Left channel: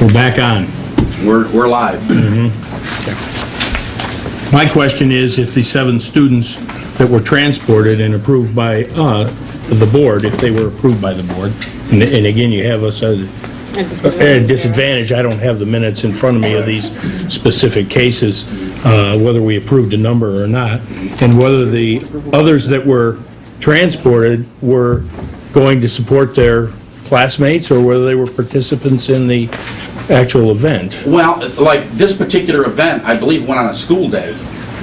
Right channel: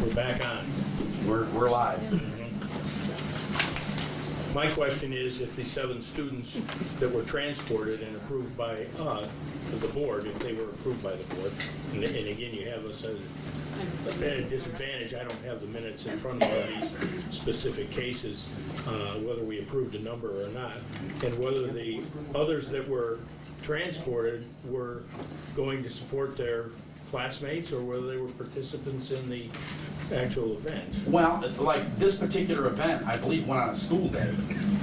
We're back on. We're live. My question is, if the 7 students that were transported and approved by the board, if they were approved by the board, and again, you have us at a disadvantage, I don't have the minutes in front of me of these specific cases, whether we approved a number or not, and whether the others that were transported were going to support their classmates, or whether they were participants in the actual event. Well, like this particular event, I believe went on a school day.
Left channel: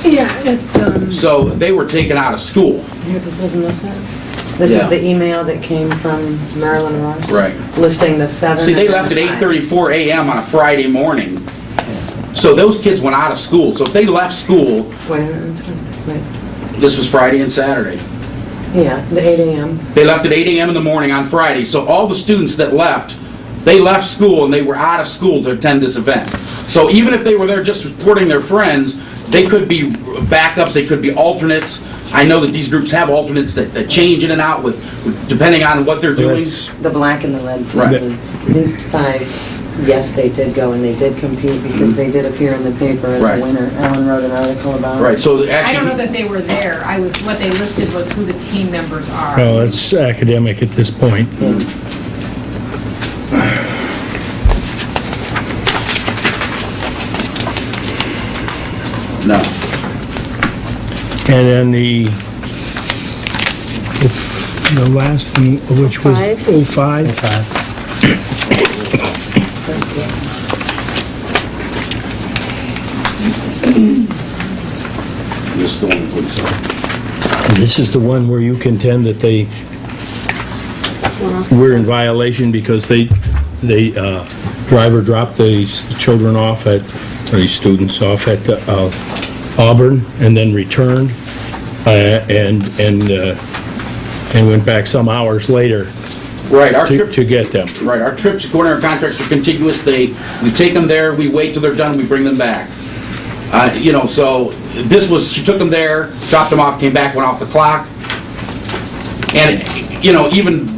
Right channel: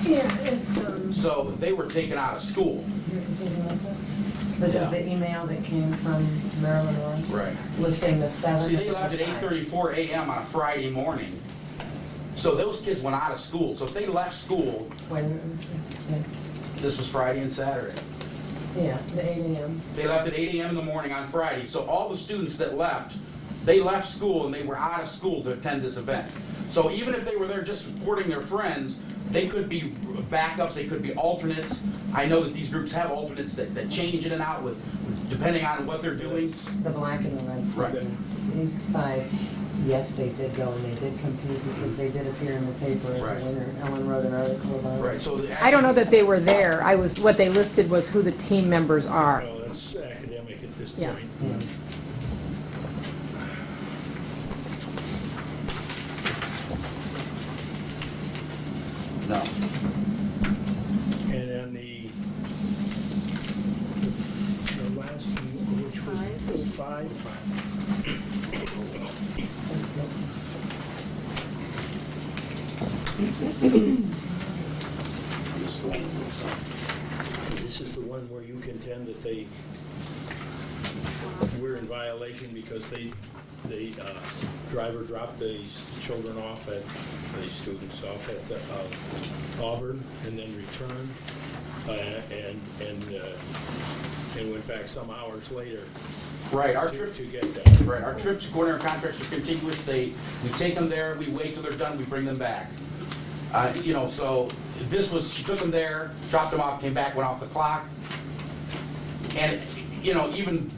Yeah, So they were taken out of school. This Yeah. is the email that came from Marilyn Ross. Right. Listing the 7. See, they left at 8:34 a.m. on a Friday morning. So those kids went out of school. So if they left school, Wait a minute. Wait. this was Friday and Saturday. Yeah, the 8 a.m. They left at 8 a.m. in the morning on Friday. So all the students that left, they left school and they were out of school to attend this event. So even if they were there just supporting their friends, they could be backups, they could be alternates. I know that these groups have alternates that change in and out with depending on what they're doing. That's- The black and the red. Right. These 5, yes, they did go and they did compete because they did appear in the paper as Right. a winner. Ellen wrote an article about it. Right, so I don't know actually, that they were there. What they listed was who the team members are. Well, it's academic at this point. Yeah. no. And then the last one, which was 05? This is the one that police are. This is the one where you contend that they were in violation because driver dropped these children off at, or these students off at Auburn and then returned and went back some hours later Right, our trip, to get them. right, our trips according to our contracts are contiguous. We take them there, we wait till they're done, we bring them back. So this was, she took them there, dropped them off, came back, went off the clock. And, even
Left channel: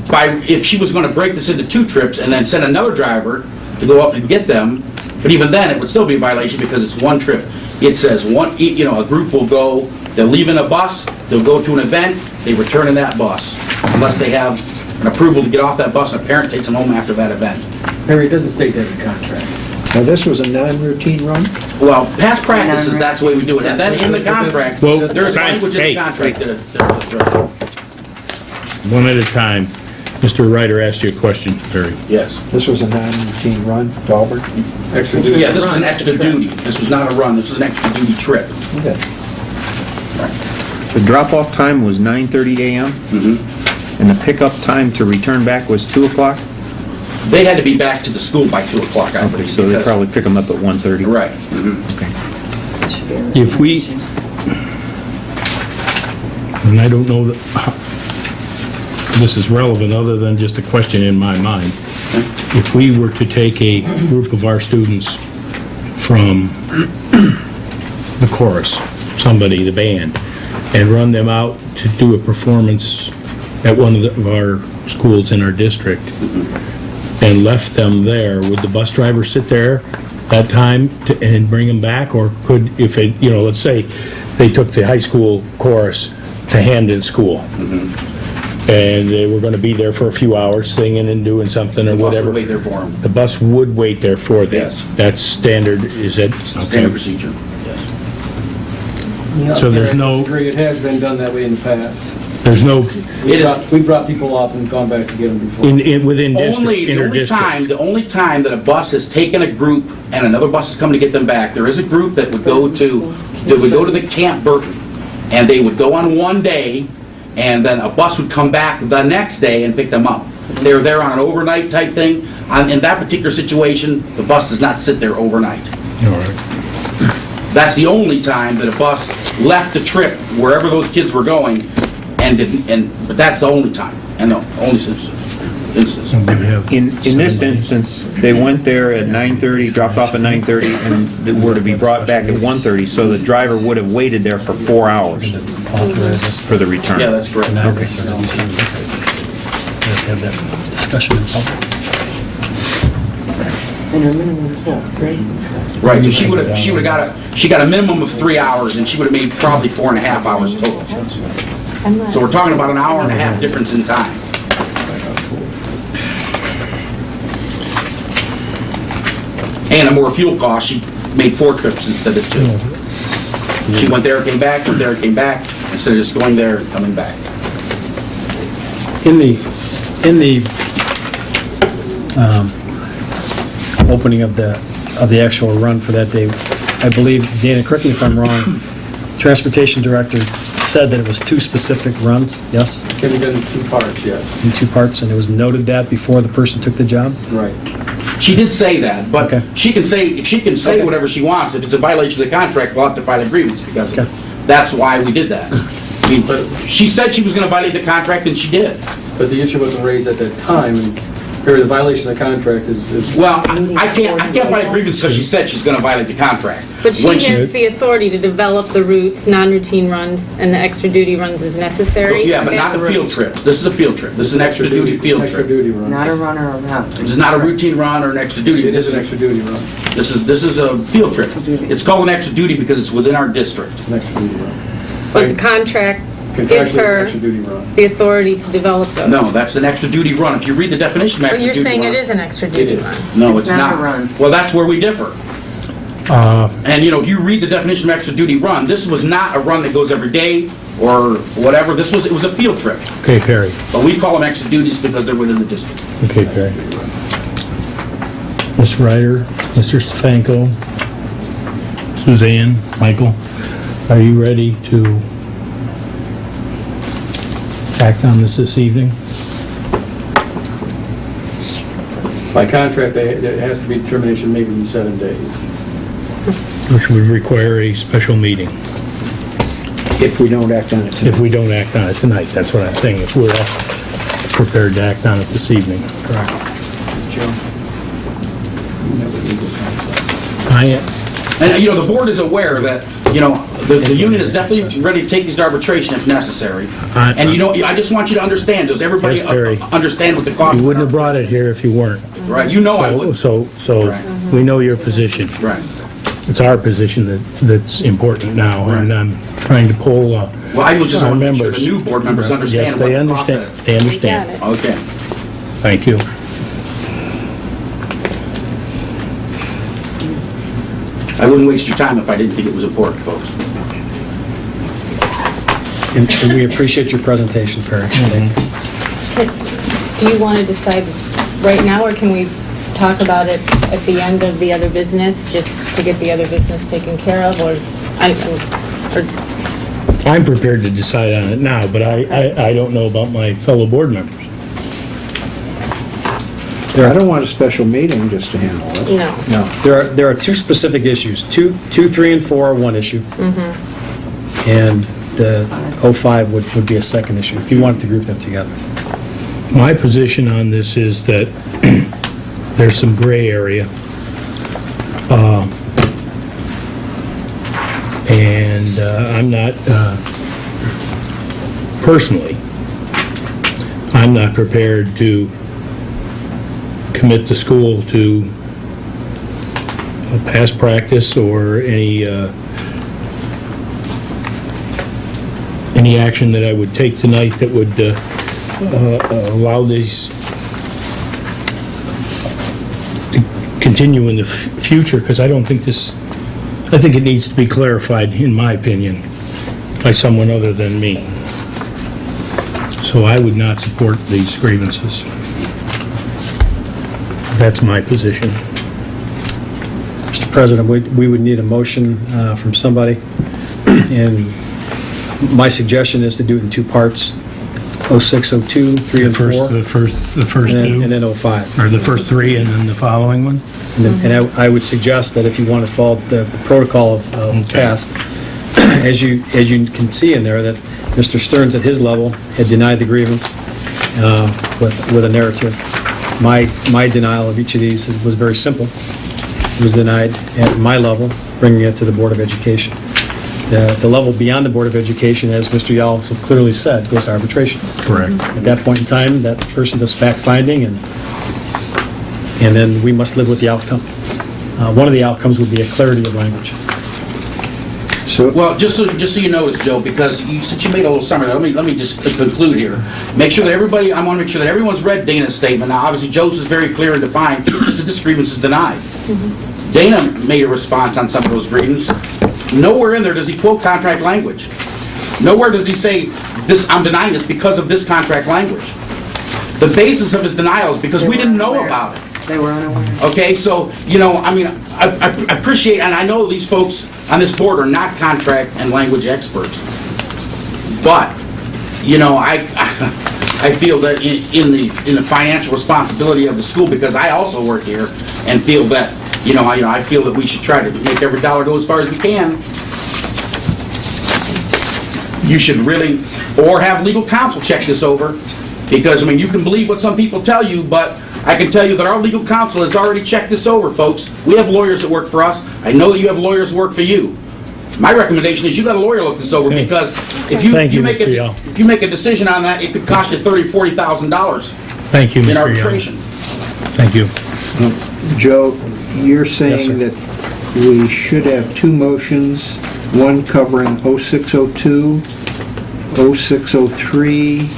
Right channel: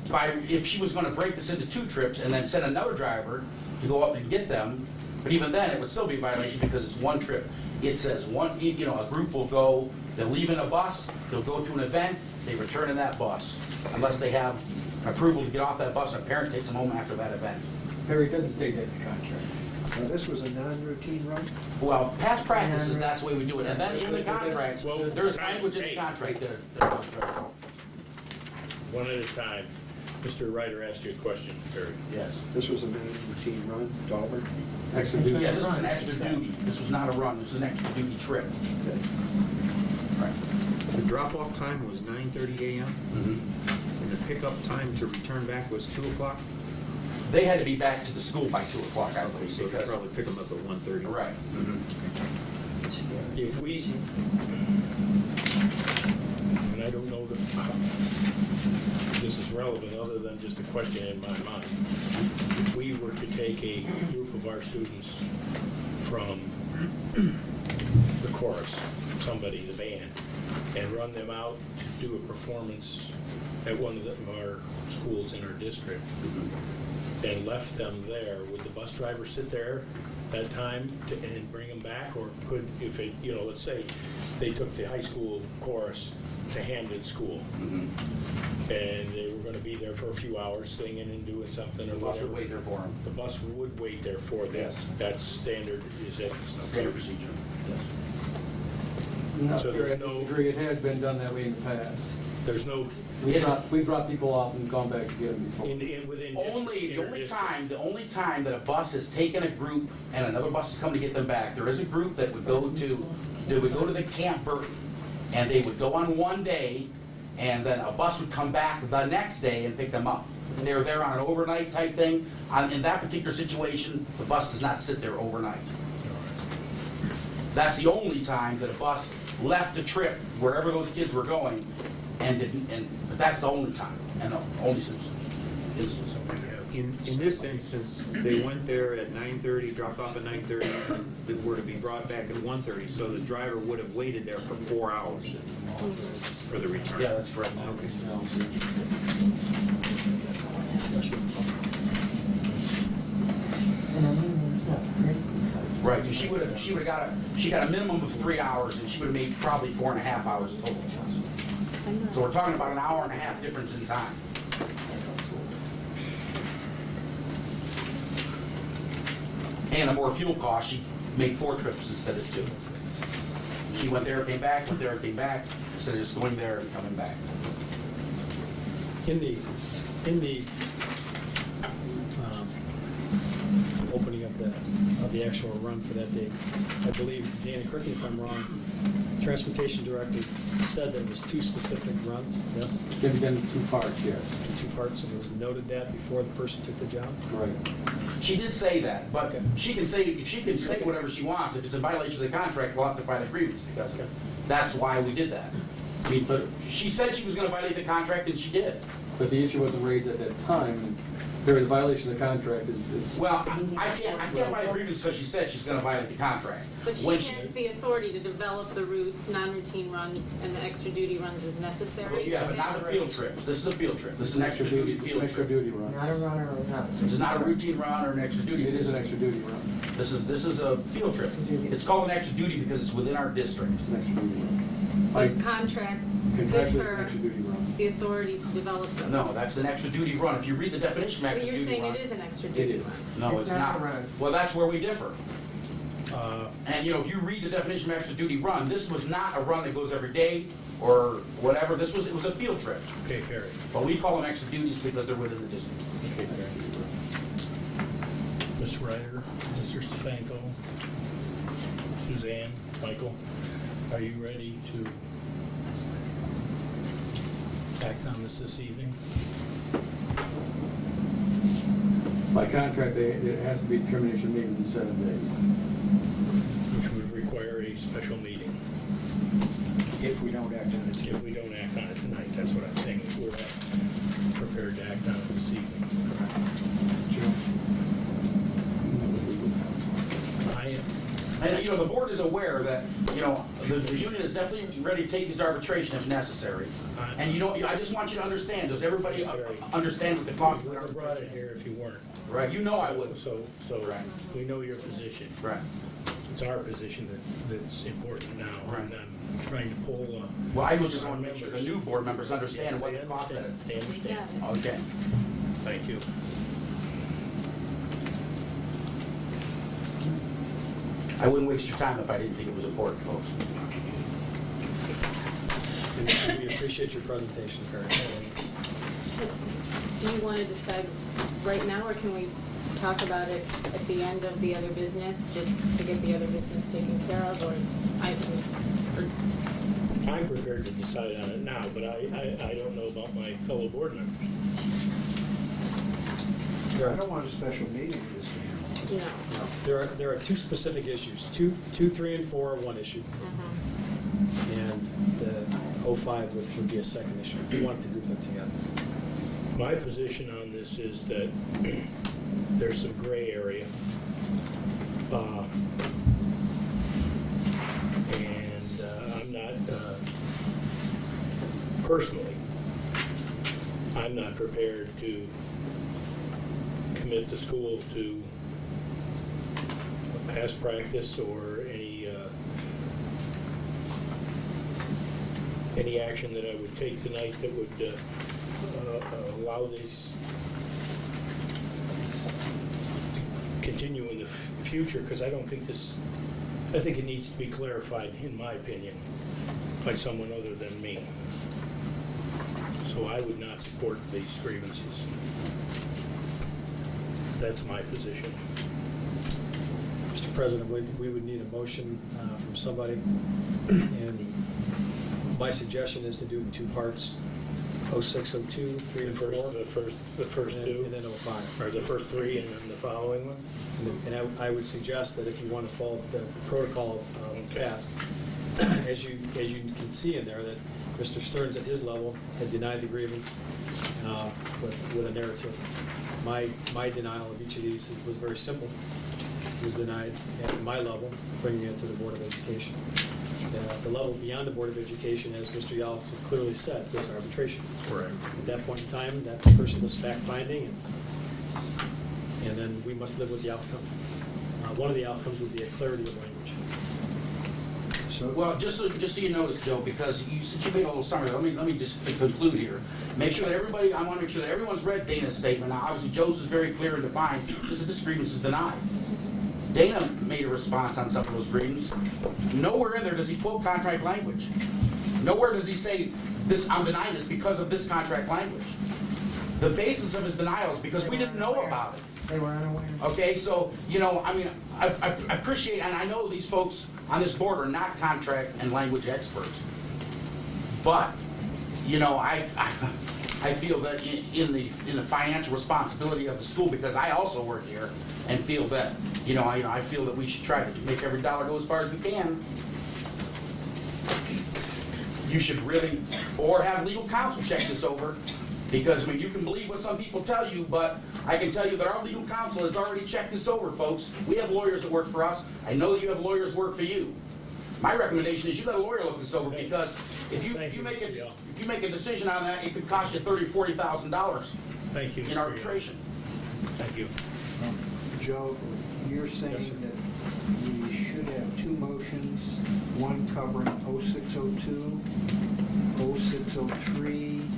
if she was gonna break this into 2 trips and then send another driver to go up and get them, but even then, it would still be a violation because it's 1 trip. It says a group will go, they'll leave in a bus, they'll go to an event, they return in that bus, unless they have an approval to get off that bus and a parent takes them home after that event. Harry, it doesn't state that in the contract. Now, this was a non-routine run? Well, past practices, that's the way we do it. And then in the contract, Well, there's right, language in hey. the contract that One at a time. Mr. Ryder asked you a question, Barry. yes. This was a non-routine run to Auburn? Extra duty. Yeah, this was an extra duty. This was not a run, this was an extra duty trip. Okay. The drop-off time was 9:30 a.m., and the pickup time to return back was 2 o'clock? They had to be back to the school by 2 o'clock, I Okay, believe. so they because- probably pick them up at 1:30? Right. Okay. If we, and I don't know that this is relevant other than just a question in my mind. If we were to take a group of our students from the chorus, the band, and run them out to do a performance at one of our schools in our district, and left them there, would the bus driver sit there that time and bring them back? Or could, if it, let's say they took the high school chorus to Hamden School, and they were gonna be there for a few hours singing and doing something or Bus would whatever. wait there for them. The bus would wait there for them. Yes. That's standard, is it? Standard Okay. procedure. Yes. So there's no, Agree, it has been done that way in the past. there's no, It is We brought people off and gone back to get them before. within district, only, inter-district. the only time that a bus has taken a group and another bus is coming to get them back, there is a group that would go to the Camp Burton, and they would go on one day, and then a bus would come back the next day and pick them up. They were there on an overnight type thing. In that particular situation, the bus does not sit there overnight. All right. That's the only time that a bus left the trip wherever those kids were going and didn't, but that's the only time, and the only, instance. And we have In this certain- instance, they went there at 9:30, dropped off at 9:30, and they were to be brought back at 1:30, so the driver would have waited there for 4 hours Authorize us for the return. Yeah, that's correct. to have that discussion in public. And her minimum is what, 3? Right, so she got a minimum of 3 hours, and she would have made probably 4.5 hours total. So we're talking about an hour and a half difference in time. And a more fuel cost, she made 4 trips instead of 2. She went there, came back, went there, came back, instead of just going there and coming back. In the opening of the actual run for that day, I believe, Dana, correct me if I'm wrong, Transportation Director said that it was 2 specific runs, yes? Can be done in 2 parts, yes. In 2 parts, and it was noted that before the person took the job? Right. She did say that, but Okay. she can say Okay. whatever she wants. If it's a violation of the contract, we'll have to file a grievance, because Okay. that's why we did that. I mean, she said she was gonna violate the contract, and she did. But the issue wasn't raised at that time, and the violation of the contract is Well, I can't file a grievance because she said she's gonna violate the contract. But she When has the authority to develop the routes, non-routine runs, and the extra duty runs as necessary. Yeah, but not the That's field trips. This is a field trip. This is an extra duty field extra trip. duty run. Not a runner around. This is not a routine run or an extra duty. It is an extra duty run. This is a field trip. It's called an extra duty because it's within our district. It's an extra duty run. But the contract gives Contractually, it's an her extra duty run. the authority to develop those. No, that's an extra duty run. If you read the definition of But extra you're duty saying run. it is an extra It duty is. run. No, It's it's not not. a run. Well, that's where we differ. Uh, And, you know, if you read the definition of extra duty run, this was not a run that goes every day or whatever. It was a field trip. Okay, Perry. But we call them extra duties because they're within the district. Okay, Perry. Ms. Ryder, Mr. Stefanko, Suzanne, Michael, are you ready to act on this evening? By contract, there has to be determination made within 7 days. Which would require a special meeting If we don't act on it tonight. if we don't act on it tonight. That's what I'm saying, if we're prepared to act on it this evening. Correct. And, you know, the board is aware that, you know, the union is definitely ready to take these to arbitration if necessary. And, you know, I just want you to understand, does everybody Yes, Barry. understand what the cost? You wouldn't have brought it here if you weren't. Right, you know I So, would. so Right. we know your position. Right. It's our position that's important now, and I'm trying to pull Well, I was just our want to make sure members. the new board members understand Yes, what they the cost understand, is. they understand. Got it. Okay. Thank you. I wouldn't waste your time if I didn't think it was important, folks. And we appreciate your presentation, Perry. Do you want to decide right now, or can we talk about it at the end of the other business, just to get the other business taken care of, or I'm prepared to decide on it now, but I don't know about my fellow board members. I don't want a special meeting just to handle this. no? No. There are 2 specific issues. 2, 3, and 4 are one issue. And the 05 would be a second issue, if you wanted to group them together. My position on this is that there's some gray area. And I'm not, personally, I'm not prepared to commit the school to a past practice or any action that I would take tonight that would allow these to continue in the future, because I don't think I think it needs to be clarified, in my opinion, by someone other than me. So I would not support these grievances. That's my position. Mr. President, we would need a motion from somebody, and my suggestion is to do it in 2 parts, 06, 02, 3, and 4, The first and two, then 05. or the first 3 and then the following one? And I would suggest that if you want to follow the protocol of past, as you can see in there, that Mr. Stearns at his level had denied the grievance. with a narrative. My denial of each of these was very simple. It was denied at my level, bringing it to the Board of Education. The level beyond the Board of Education, as Mr. Yao so clearly said, goes to arbitration. Correct. At that point in time, that person does fact-finding, and then we must live with the outcome. One of the outcomes would be a clarity of language. Well, just so you know this, Joe, because since you made a little summary, let me just conclude here. Make sure that everybody, I want to make sure that everyone's read Dana's statement. Now, obviously, Joe's is very clear and defined. This grievance is denied. Dana made a response on some of those grievances. Nowhere in there does he quote contract language. Nowhere does he say, "This, I'm denying this because of this contract language." The basis of his denial is because we didn't know about it. They were unaware. Okay, so, I appreciate, and I know these folks on this board are not contract and language experts. But, I feel that in the financial responsibility of the school, because I also work here, and feel that, I feel that we should try to make every dollar go as far as we can. You should really, or have legal counsel check this over, because, you can believe what some people tell you, but I can tell you that our legal counsel has already checked this over, folks. We have lawyers that work for us. I know that you have lawyers that work for you. My recommendation is you got a lawyer look this over, Okay. because if you Thank you, make Mr. Yao. if you make a decision on that, it could cost you $30,000, $40,000 Thank you, Mr. in Young. arbitration. Thank you. Joe, you're Yes, sir. saying that we should have two motions, one covering 0602, 0603,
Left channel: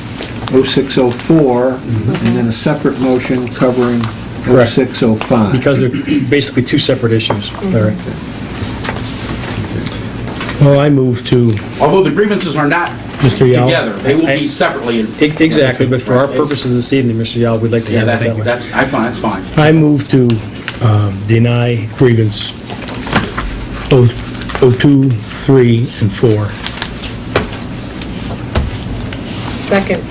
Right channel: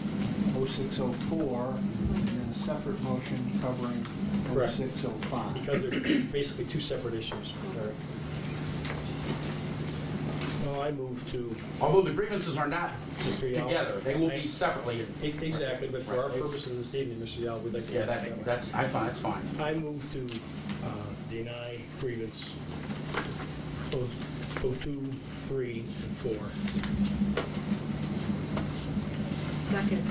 0604, and then a separate motion covering Correct. 0605. Because they're basically two separate issues, Larry. Well, I move to, Although the grievances are not Mr. Yao. together, they will be separately. Exactly, but for our purposes this evening, Mr. Yao, we'd like to Yeah, have it that way. that's fine. I move to deny grievance 02, 3, and 4. Second.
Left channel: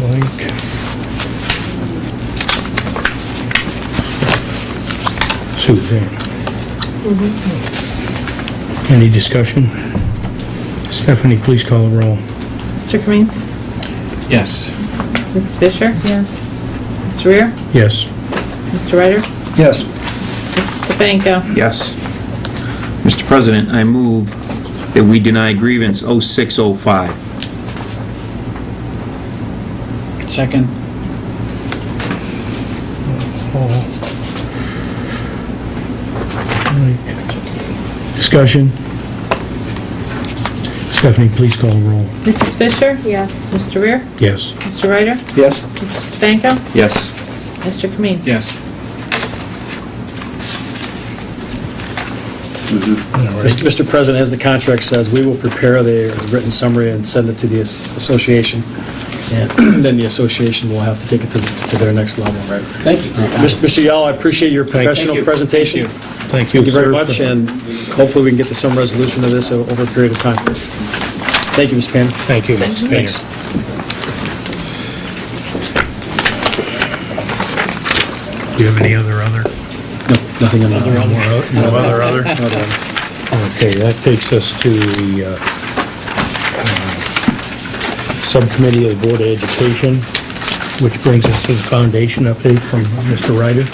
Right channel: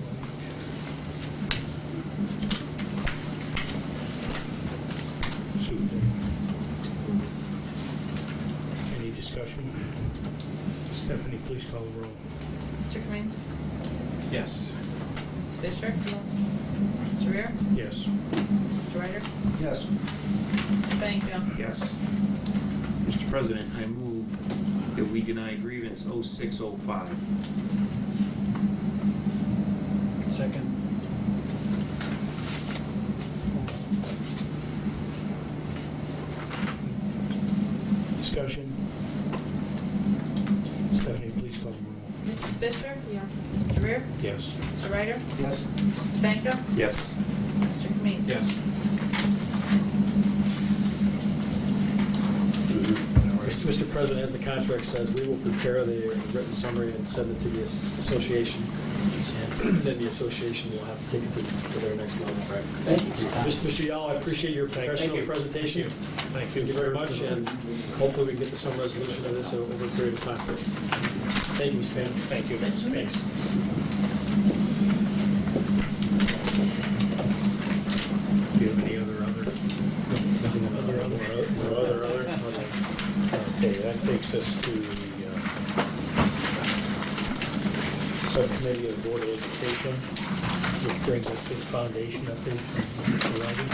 Mike. Suzanne. Any discussion? Stephanie, please call the roll. Mr. Kaminski? Yes. Mrs. Fisher? Yes. Mr. Rear? Yes. Mr. Ryder? Yes. Mr. Stefanko? Yes. Mr. President, I move that we deny grievance 0605. Second. Discussion? Stephanie, please call the roll. Mrs. Fisher? Yes. Mr. Rear? Yes. Mr. Ryder? Yes? Mr. Stefanko? Yes. Mr. Kaminski? Yes. Mr. President, as the contract says, we will prepare the written summary and send it to the association, and then the association will have to take it to their next level. Right. Thank you. Mr. Yao, I appreciate your professional you. presentation. Thank you. Thank you very sir, much, for- and hopefully we can get to some resolution of this over a period of time. Thank you, Ms. Payne. Thank you, Mr. Mayor. Thanks. Do you have any other? No, nothing on No other? other. Okay, that takes us to the Subcommittee of the Board of Education, which brings us to the foundation update from Mr. Ryder.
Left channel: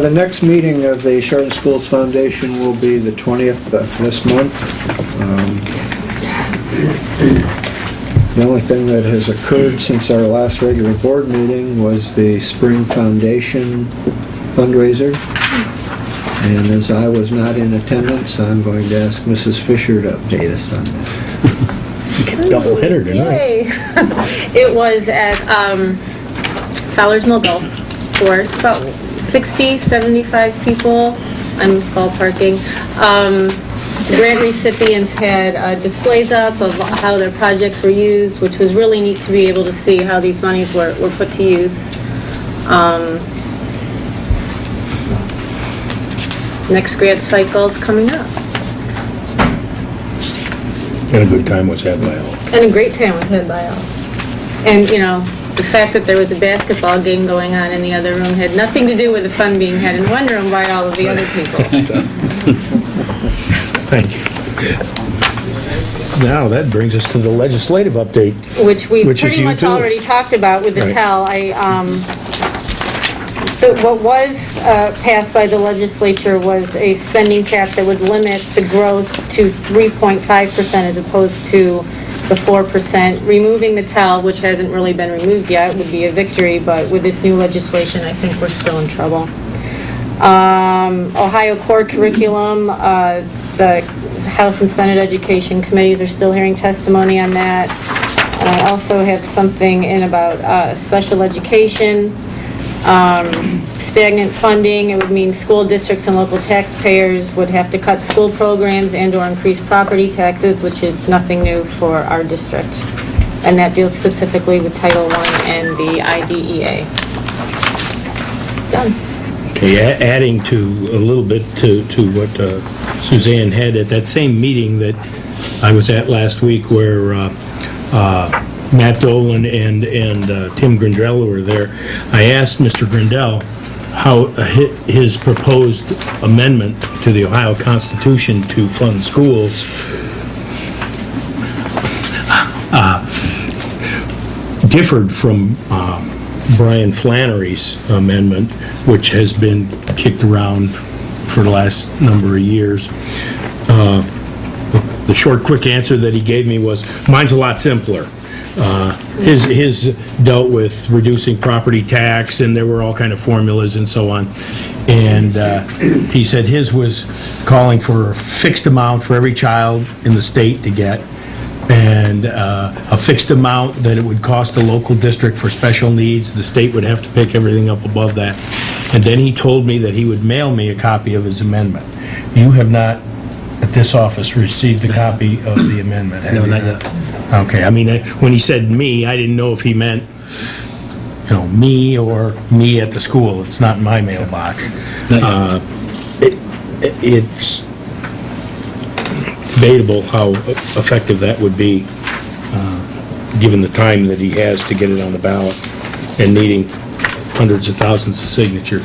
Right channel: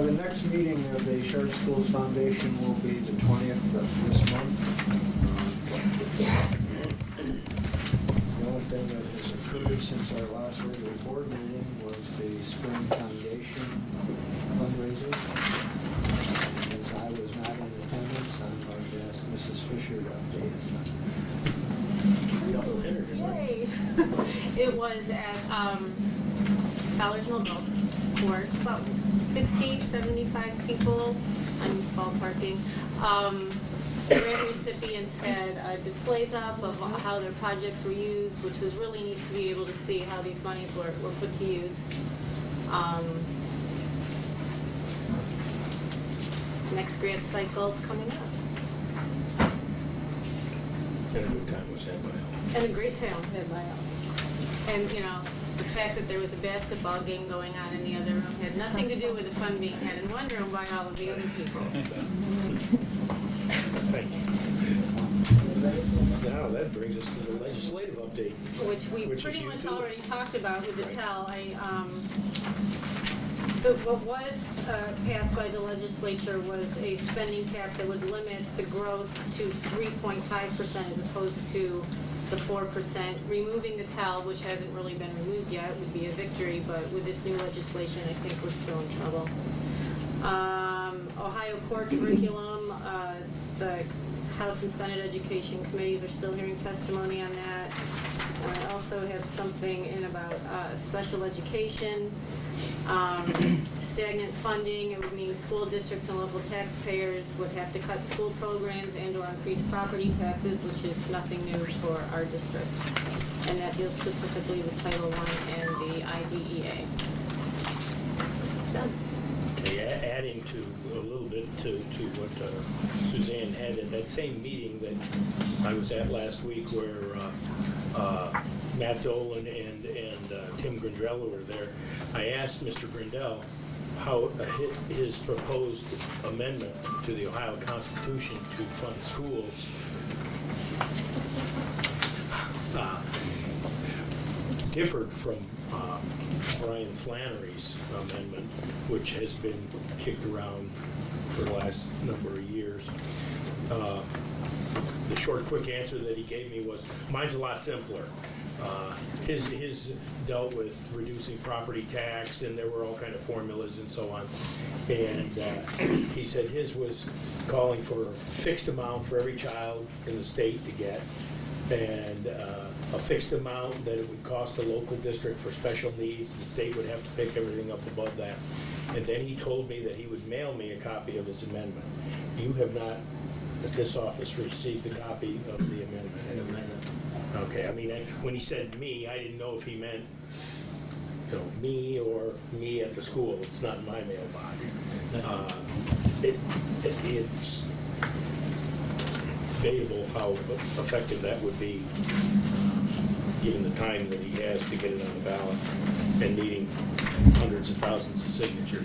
The next meeting of the Chardon Schools Foundation will be the 20th of this month. The only thing that has occurred since our last regular board meeting was the Spring Foundation fundraiser. And as I was not in attendance, I'm going to ask Mrs. Fisher to update us on that. Double hitter tonight. Yay. It was at Fowler's Mill Golf Course, about 60, 75 people. I'm ballparking. The grant recipients had displays up of how their projects were used, which was really neat to be able to see how these monies were put to use. Next grant cycle is coming up. And a good time was had by all. And a great time was had by all. And, the fact that there was a basketball game going on in the other room had nothing to do with the fun being had in one room by all of the other people. Thank you. Now, that brings us to the legislative update. Which we Which is pretty you much too. already talked about with the Right. TEL. What was passed by the legislature was a spending cap that would limit the growth to 3.5% as opposed to the 4%. Removing the TEL, which hasn't really been removed yet, would be a victory, but with this new legislation, I think we're still in trouble. Ohio core curriculum, the House and Senate Education Committees are still hearing testimony on that. And I also have something in about special education, stagnant funding. It would mean school districts and local taxpayers would have to cut school programs and/or increase property taxes, which is nothing new for our district. And that deals specifically with Title I and the IDEA. Done. Okay, adding to a little bit to what Suzanne had at that same meeting that I was at last week where Matt Dolan and Tim Grindell were there. I asked Mr. Grindell how his proposed amendment to the Ohio Constitution to fund schools differed from Brian Flannery's amendment, which has been kicked around for the last number of years. The short, quick answer that he gave me was, mine's a lot simpler. His dealt with reducing property tax, and there were all kind of formulas and so on. And he said his was calling for a fixed amount for every child in the state to get, and a fixed amount that it would cost a local district for special needs. The state would have to pick everything up above that. And then he told me that he would mail me a copy of his amendment. You have not, at this office, received a copy of the amendment, have you? No, not yet. Okay, I mean, when he said me, I didn't know if he meant, me or me at the school. It's not in my mailbox. It's debatable how effective that would be, given the time that he has to get it on the ballot and needing hundreds of thousands of signatures.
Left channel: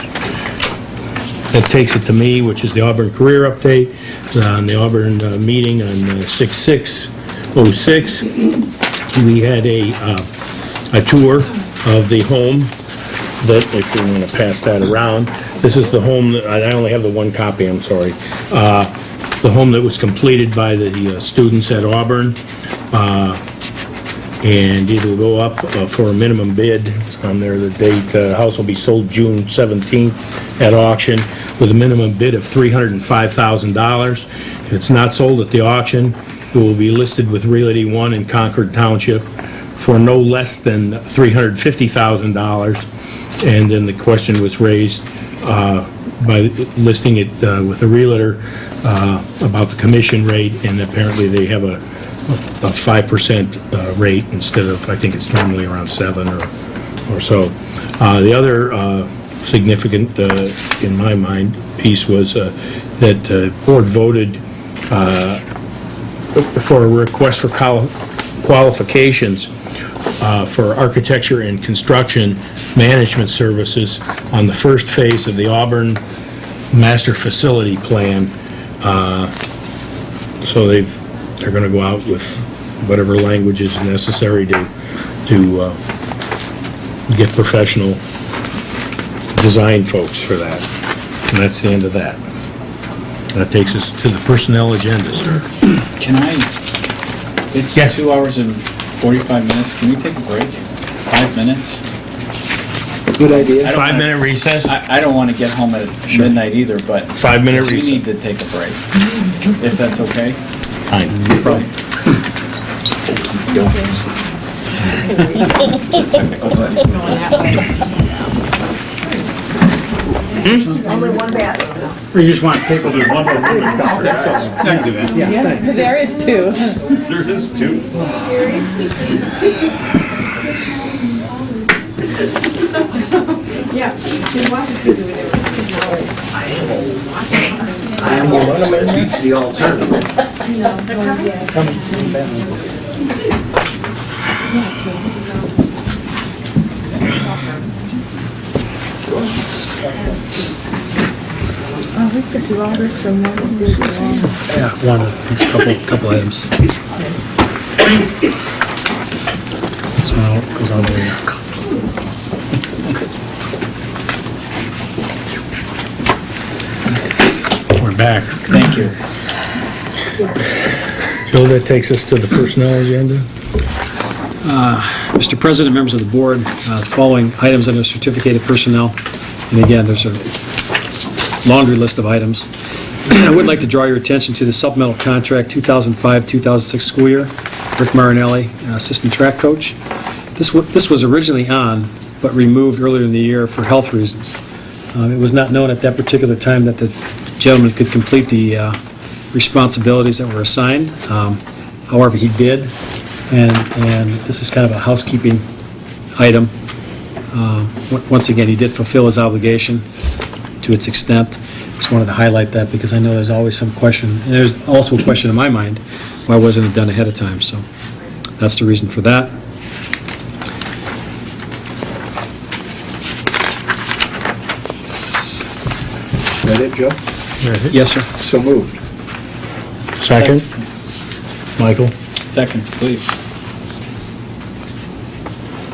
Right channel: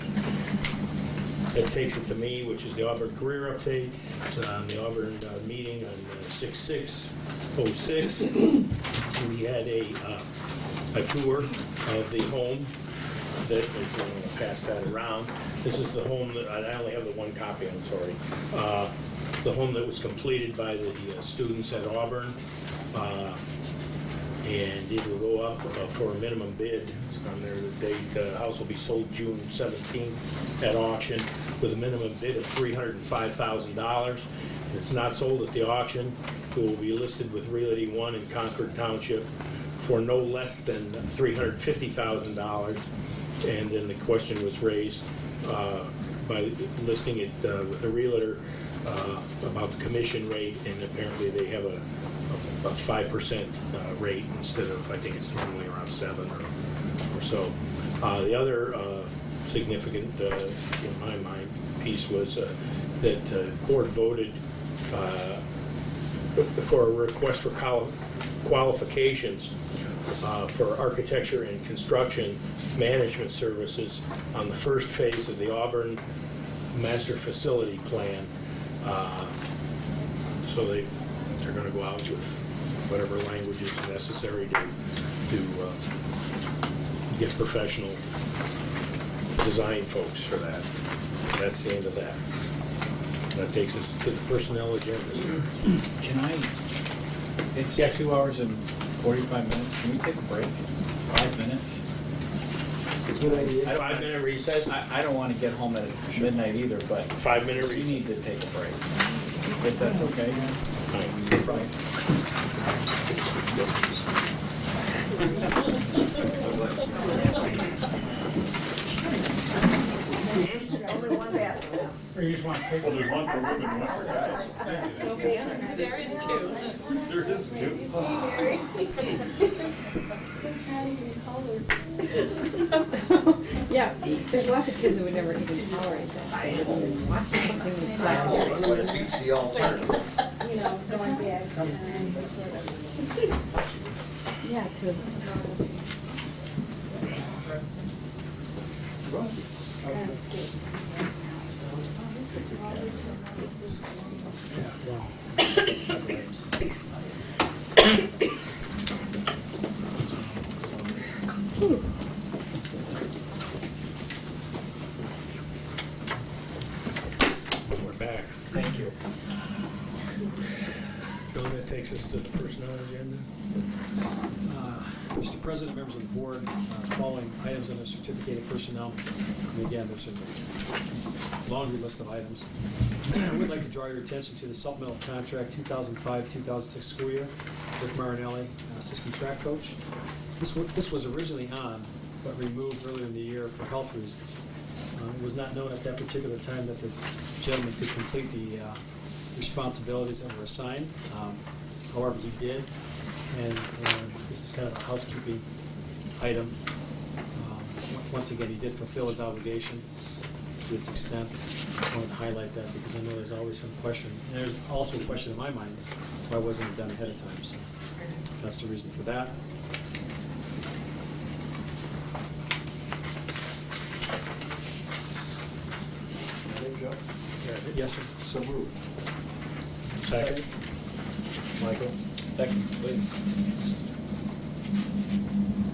That takes it to me, which is the Auburn Career Update. On the Auburn meeting on 6/6/06, we had a tour of the home that, if you want to pass that around, this is the home that, I only have the one copy, I'm sorry. The home that was completed by the students at Auburn, and it'll go up for a minimum bid. It's on there, the date, the house will be sold June 17th at auction with a minimum bid of $305,000. If it's not sold at the auction, it will be listed with Realty One in Concord Township for no less than $350,000. And then the question was raised by listing it with a realtor about the commission rate, and apparently they have a 5% rate instead of, I think it's normally around 7 or so. The other significant, in my mind, piece was that the board voted for a request for qualifications for architecture and construction management services on the first phase of the Auburn Master Facility Plan. So they're going to go out with whatever language is necessary to get professional design folks for that. And that's the end of that. That takes us to the personnel agenda, sir. Can I, it's Yes. 2 hours and 45 minutes, can we take a break? 5 minutes? Good idea. I don't 5-minute recess? I don't want to get home at midnight either, but 5-minute we recess. need to take a break, if that's okay. Fine. Only one bad. Or you just want people to one more room and cover. That's all. I can do that. There is two. There is two. Yeah, they watch it because of it. I am one that beats the alternative. We could do all this in one. Yeah, one, couple items. This one goes on there. We're back. Thank you. Joe, that takes us to the personnel agenda. Mr. President, members of the board, the following items under certificated personnel, and again, there's a laundry list of items. I would like to draw your attention to the supplemental contract 2005-2006 school year. Rick Marinelli, assistant track coach. This was originally on, but removed earlier in the year for health reasons. It was not known at that particular time that the gentleman could complete the responsibilities that were assigned. However, he did, and this is kind of a housekeeping item. Once again, he did fulfill his obligation to its extent. Just wanted to highlight that because I know there's always some question, and there's also a question in my mind, why wasn't it done ahead of time? So that's the reason for that. Is that it, Joe? Yes, sir. So moved. Second? Michael? Second, please.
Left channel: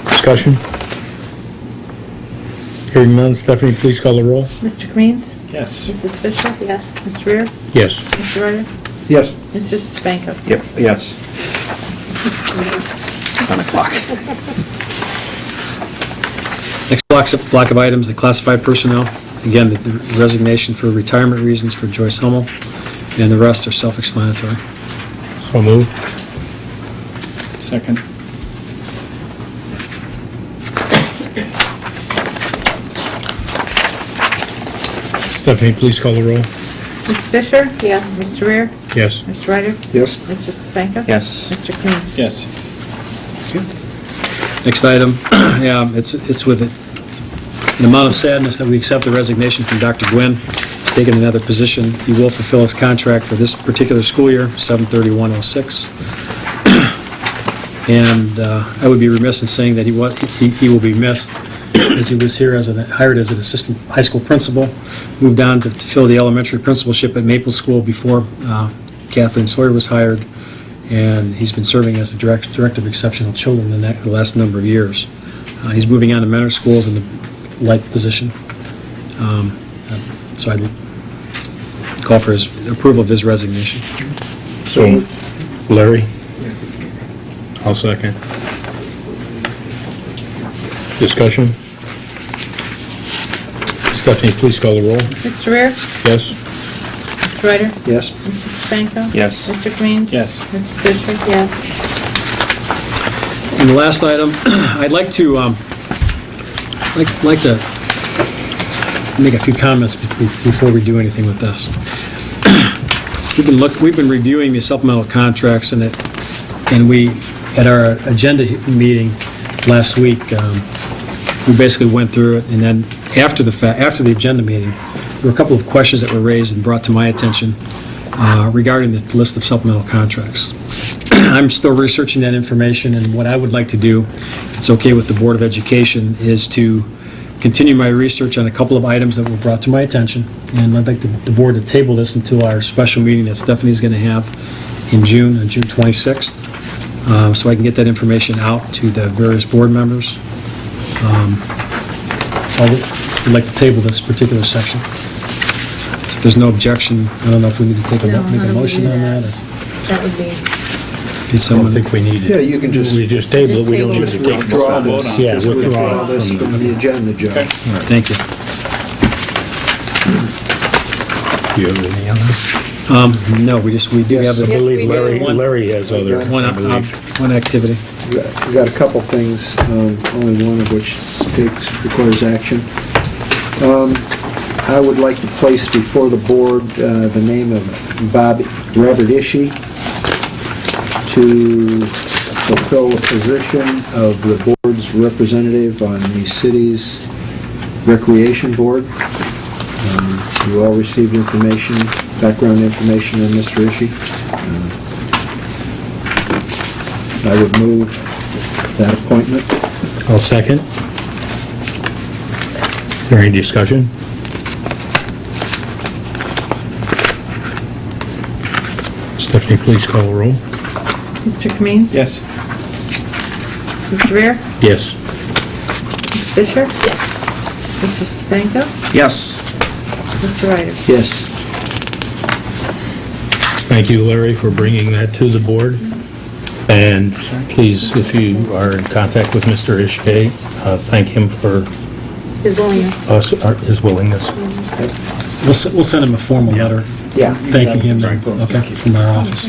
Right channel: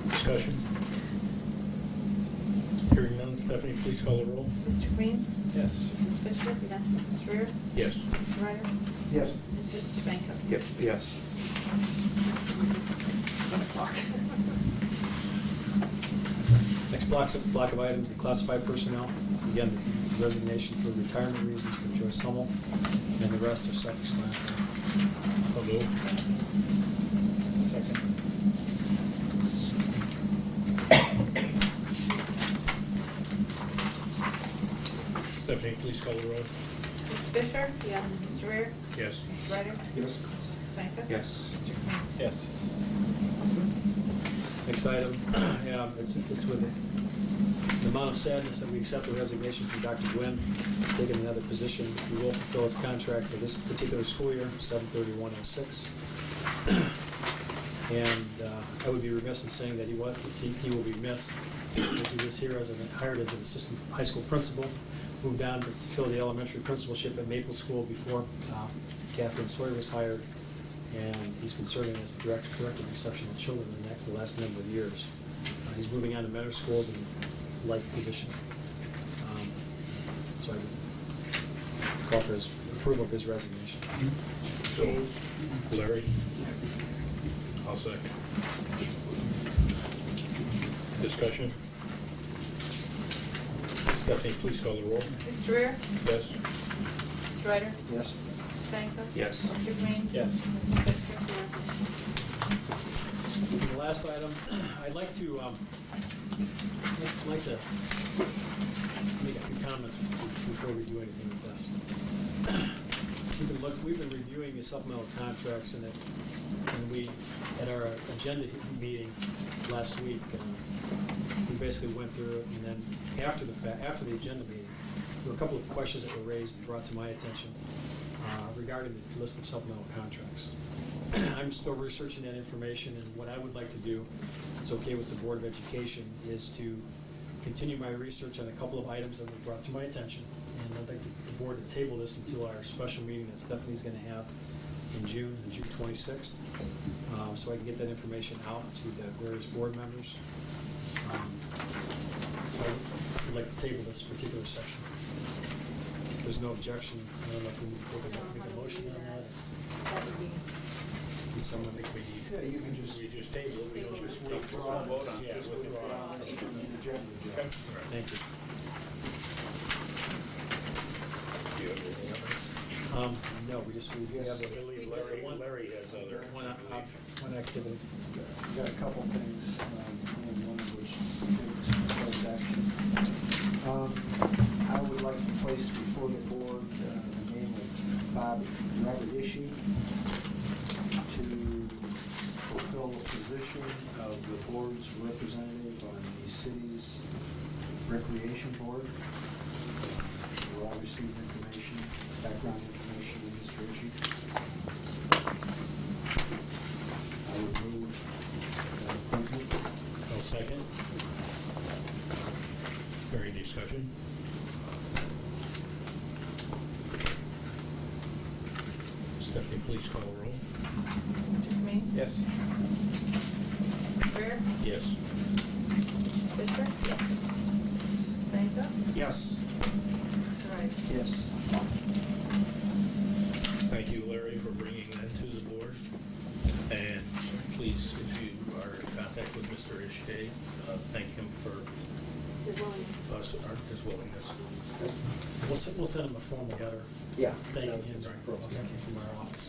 Discussion? Hearing none, Stephanie, please call the roll. Mr. Kamin's? Yes. Mrs. Fisher? Yes. Mr. Rear? Yes. Mr. Ryder? Yes. Mr. Spanko? Yep, yes. 10 o'clock. Next block of items, the classified personnel. Again, the resignation for retirement reasons for Joyce Hummel, and the rest are self-explanatory. So moved. Second. Stephanie, please call the roll. Ms. Fisher? Yes. Mr. Rear? Yes. Mr. Ryder? Yes. Mr. Spanko? Yes. Mr. Kamin's? Yes. Next item, yeah, it's with an amount of sadness that we accept the resignation from Dr. Gwynn. He's taken another position. He will fulfill his contract for this particular school year, 7/31/06. And I would be remiss in saying that he will be missed, as he was here hired as an assistant high school principal, moved on to fill the elementary principalship at Maple School before Kathleen Sawyer was hired, and he's been serving as the director of exceptional children the last number of years. He's moving on to mentor schools in the like position. So I'd call for his approval of his resignation. So, Larry? I'll second. Discussion? Stephanie, please call the roll. Mr. Rear? Yes? Mr. Ryder? Yes. Mrs. Spanko? Yes. Mr. Kamin's? Yes. Mrs. Fisher? Yes. And the last item, I'd like to make a few comments before we do anything with this. We've been reviewing the supplemental contracts, and we, at our agenda meeting last week, we basically went through it, and then after the agenda meeting, there were a couple of questions that were raised and brought to my attention regarding the list of supplemental contracts. I'm still researching that information, and what I would like to do, if it's okay with the Board of Education, is to continue my research on a couple of items that were brought to my attention, and I'd like the board to table this until our special meeting that Stephanie's going to have in June, on June 26th, so I can get that information out to the various board members. So I would like to table this particular section. If there's no objection, I don't know if we need to make a motion on that, or That would be, need I don't someone... think we need Yeah, it. you can just We just table it, we don't need to take withdraw the this. vote. Yeah, Just withdraw it this from from the agenda, Joe. Thank you. Do you have any other? No, we do have I the... believe we do. Larry has other, I believe. One activity. We got a couple things, only one of which requires action. I would like to place before the board the name of Robert Ishii to fulfill the position of the board's representative on the city's recreation board. You all received information, background information on Mr. Ishii. I would move that appointment. I'll second. Is there any discussion? Stephanie, please call the roll. Mr. Kamin's? Yes. Mr. Rear? Yes. Ms. Fisher? Yes. Mr. Stefanko? Yes. Mr. Ryder? Yes. Thank you, Larry, for bringing that to the board. And please, if you are in contact with Mr. Ishkay, thank him for His willingness. his willingness. We'll send him a formal letter Yeah. thanking him, okay, from our office.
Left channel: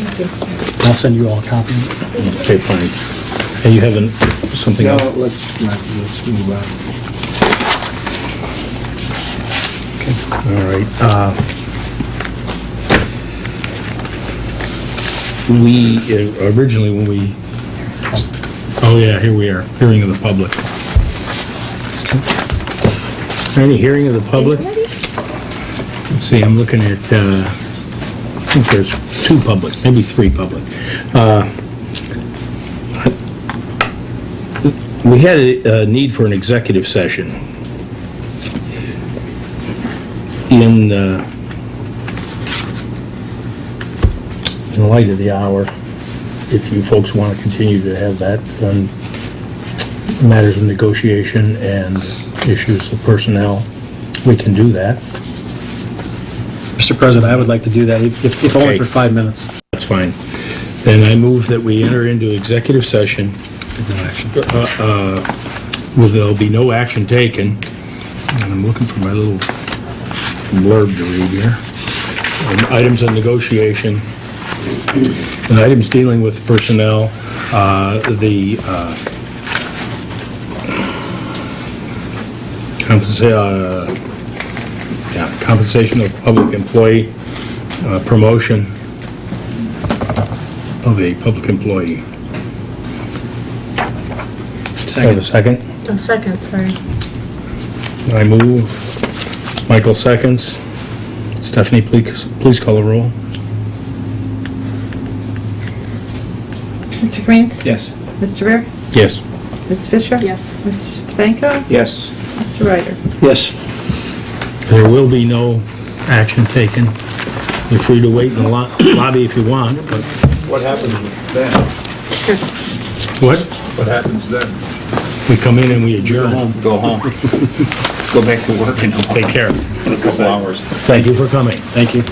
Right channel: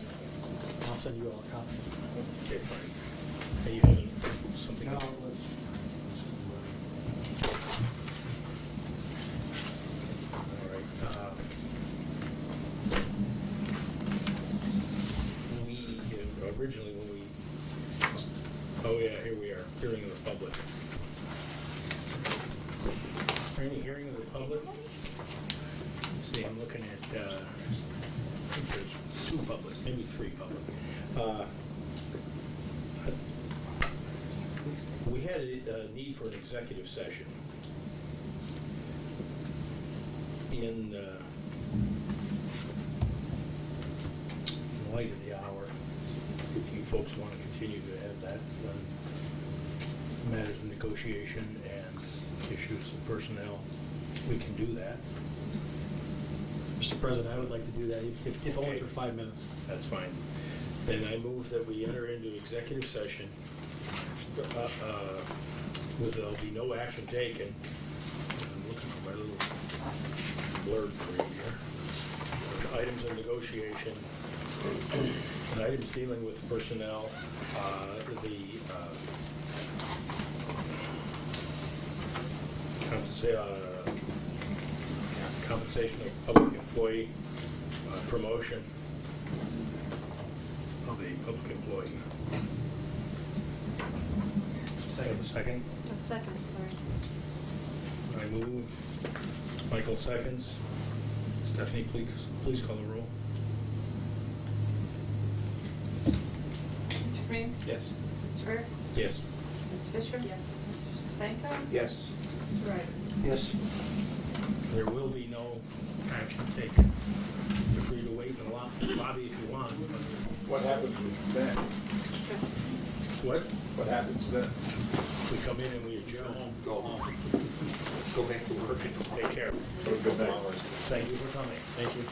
I'll send you all a copy. Okay, fine. And you have something No, else? let's move on. All right. We, originally when we, oh yeah, here we are, hearing of the public. Any hearing of the public? Let's see, I'm looking at, I think there's 2 public, maybe 3 public. We had a need for an executive session. In light of the hour, if you folks want to continue to have that on matters of negotiation and issues of personnel, we can do that. Mr. President, I would like to do that, if only Okay. for 5 minutes. That's fine. Then I move that we enter into executive session. No action. Well, there'll be no action taken. And I'm looking for my little blurb to read here. Items of negotiation, and items dealing with personnel, the compensation of public employee, promotion of a public employee. Have a second? Oh, second, sorry. I move. Michael seconds. Stephanie, please call the roll. Mr. Kamin's? Yes. Mr. Rear? Yes. Ms. Fisher? Yes. Mr. Stefanko? Yes. Mr. Ryder? Yes. There will be no action taken. You're free to wait in the lobby if you want, but What happens then? what? What happens then? We come in and we adjourn. Go home. Go back to work in Take care. a couple hours. Thank you for coming. Thank you.